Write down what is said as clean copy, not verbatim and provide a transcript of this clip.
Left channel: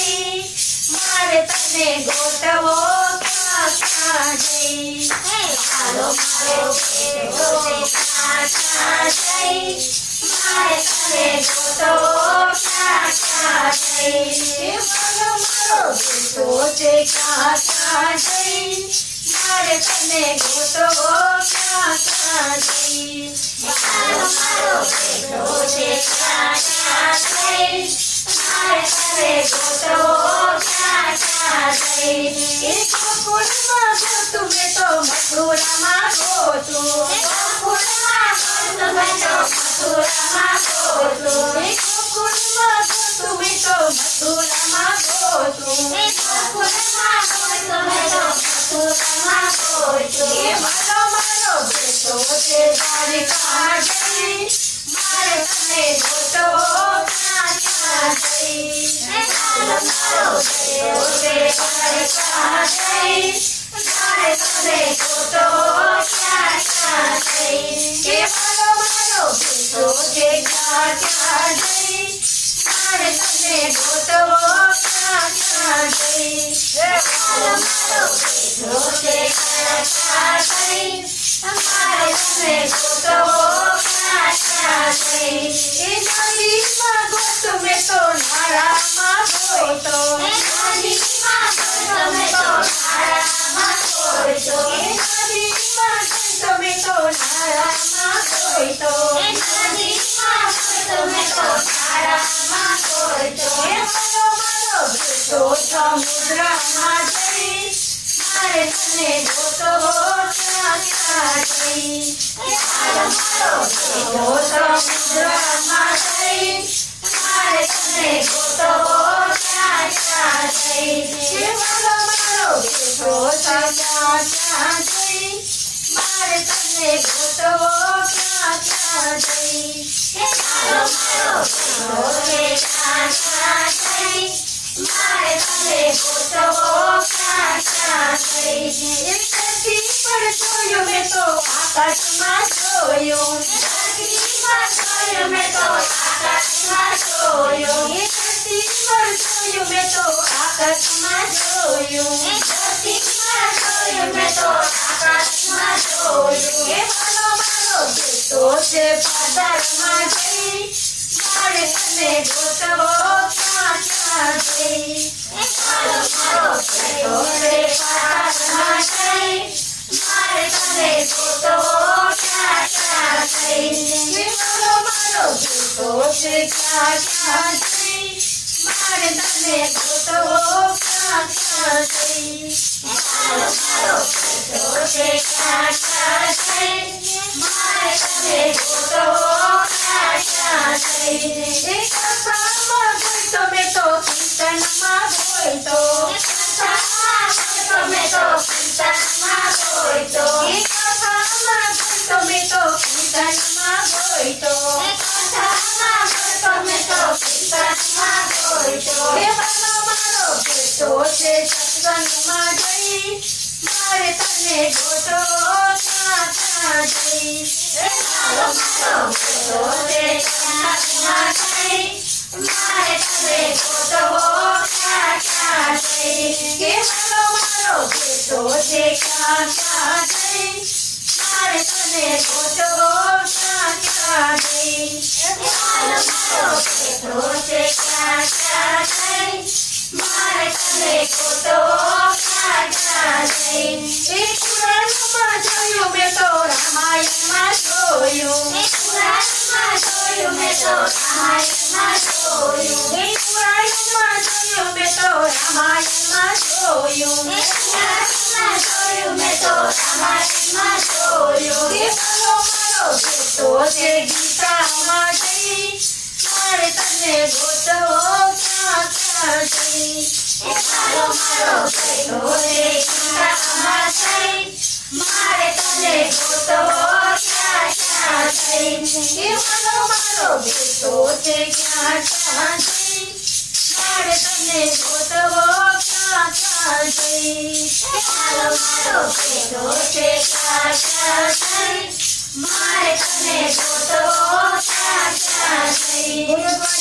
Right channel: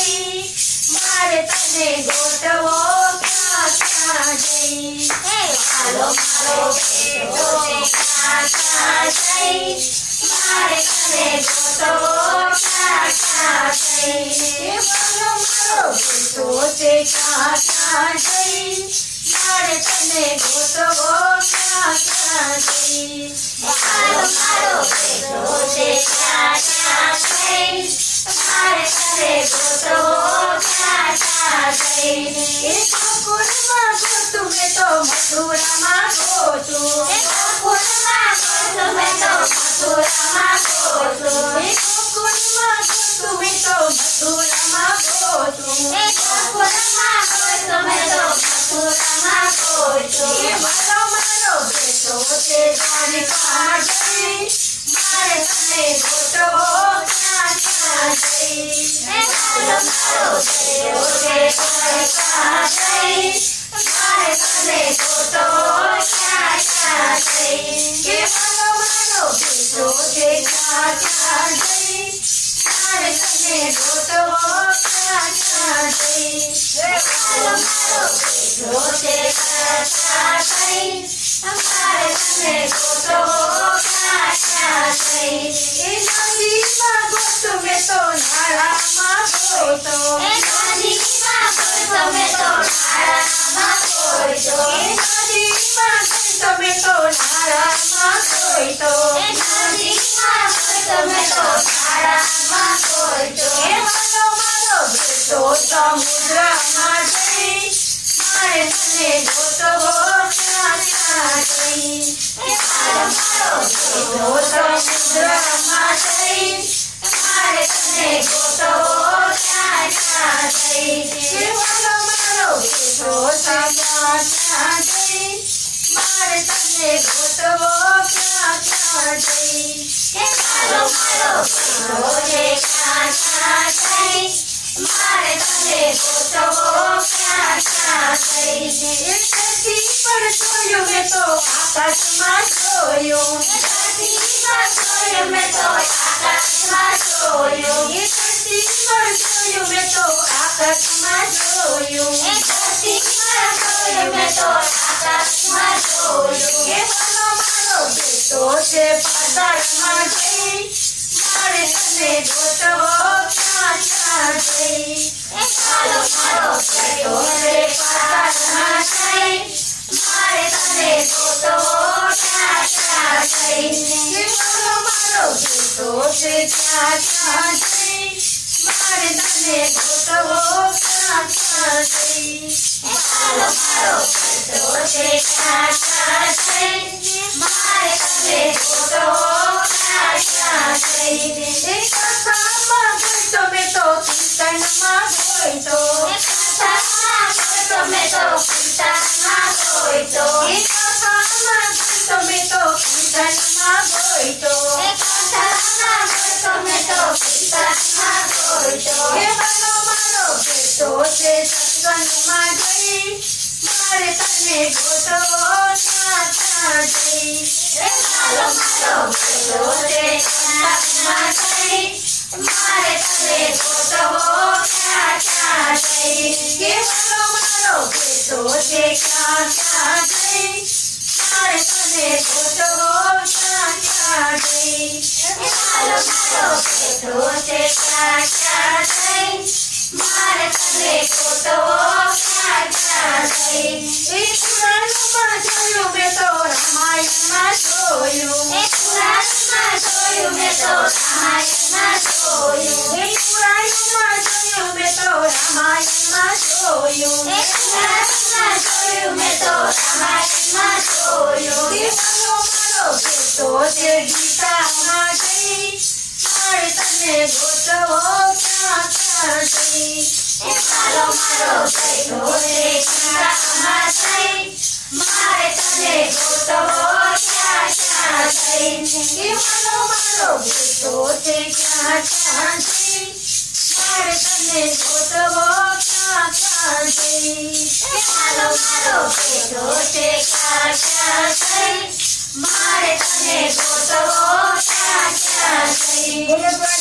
જઈ મારે તને ગોતવો ક્યાં ક્યાં જઈ હાલો મારો બેટો ક્યાં જઈ મારે તને ગોતવો ક્યાં ક્યાં જઈ હાલો મારો બેટો ક્યાં જઈ મારે તને ગોતવો ક્યાં ક્યાં જઈ હાલો મારો બેટો ક્યાં જઈ મારે તને ગોતવો ક્યાં ક્યાં જઈ ગોકુળમાં ગોતું મેં તો મથુરામાં ગોતું ગોકુળમાં ગોતું મેં તો મથુરામાં ગોતું ગોકુળમાં ગોતું મેં તો મથુરામાં ગોતું ગોકુળમાં ગોતું મેં તો મથુરામાં ગોતું મારો મારો બેટો છે દ્વારિકા જઈ મારે તને ગોતવો ક્યાં ક્યાં જઈ મારો મારો બેટો છે દ્વારિકા જઈ મારે તને ગોતવો ક્યાં ક્યાં જઈ મારો મારો બેટો છે ક્યાં ક્યાં જઈ મારે તને ગોતવો ક્યાં ક્યાં જઈ મારો મારો બેટો છે ક્યાં ક્યાં જઈ મારે તને ગોતવો ક્યાં ક્યાં જઈ નદીમાં ગોતું મેં તો નાળામાં ગોતો નદીમાં ગોતું મેં તો નાળામાં ગોતો નદીમાં ગોતું મેં તો નાળામાં ગોતો નદીમાં ગોતું મેં તો નાળામાં ગોતો મારો મારો બેટો સમુદ્રમાં જઈ મારે તને ગોતવો ક્યાં ક્યાં જઈ મારો મારો બેટો સમુદ્રમાં જઈ મારે તને ગોતવો ક્યાં ક્યાં જઈ મારો મારો બેટો ક્યાં ક્યાં જઈ મારે તને ગોતવો ક્યાં ક્યાં જઈ મારો મારો બેટો ક્યાં ક્યાં જઈ મારે તને ગોતવો ક્યાં ક્યાં જઈ ધરતી પર જોયું મેં તો આકાશમાં જોયું ધરતીમાં જોયું મેં તો આકાશમાં જોયું ધરતી પર જોયું મેં તો આકાશમાં જોયું ધરતીમાં જોયું મેં તો આકાશમાં જોયું મારો મારો બેટો છે પાતાળમાં જઈ મારે તને ગોતવો ક્યાં ક્યાં જઈ મારો મારો બેટો છે પાતાળમાં જઈ મારે તને ગોતવો ક્યાં ક્યાં જઈ મારો મારો બેટો છે ક્યાં ક્યાં જઈ મારે તને ગોતવો ક્યાં ક્યાં જઈ મારો મારો બેટો છે ક્યાં ક્યાં જઈ મારે તને ગોતવો ક્યાં ક્યાં જઈ કથામાં ગોઈતો મેં તો કીર્તનમાં ગોઈતો કથામાં ગોઈતો મેં તો કીર્તનમાં ગોઈતો કથામાં ગોઈતો મેં તો કીર્તનમાં ગોઈતો કથામાં ગોઈતો મેં તો કીર્તનમાં ગોઈતો મારો મારો બેટો છે સત્સંગમાં જઈ મારે તને ગોતવો ક્યાં ક્યાં જઈ મારો મારો બેટો છે સત્સંગમાં જઈ મારે તને ગોતવો ક્યાં ક્યાં જઈ મારો મારો બેટો છે ક્યાં ક્યાં જઈ મારે તને ગોતવો ક્યાં ક્યાં જઈ મારો મારો બેટો છે ક્યાં ક્યાં જઈ મારે તને ગોતવો ક્યાં ક્યાં જઈ પુરાણમાં જોયું મેં તો રામાયણમાં જોયું પુરાણમાં જોયું મેં તો રામાયણમાં જોયું પુરાણમાં જોયું મેં તો રામાયણમાં જોયું પુરાણમાં જોયું મેં તો રામાયણમાં જોયું મારો મારો બેટો છે ગીતામાં જઈ મારે તને ગોતવો ક્યાં ક્યાં જઈ મારો મારો બેટો છે ગીતામાં જઈ મારે તને ગોતવો ક્યાં ક્યાં જઈ મારો મારો બેટો છે ક્યાં ક્યાં જઈ મારે તને ગોતવો ક્યાં ક્યાં જઈ મારો મારો બેટો છે ક્યાં ક્યાં જઈ મારે તને ગોતવો ક્યાં ક્યાં જઈ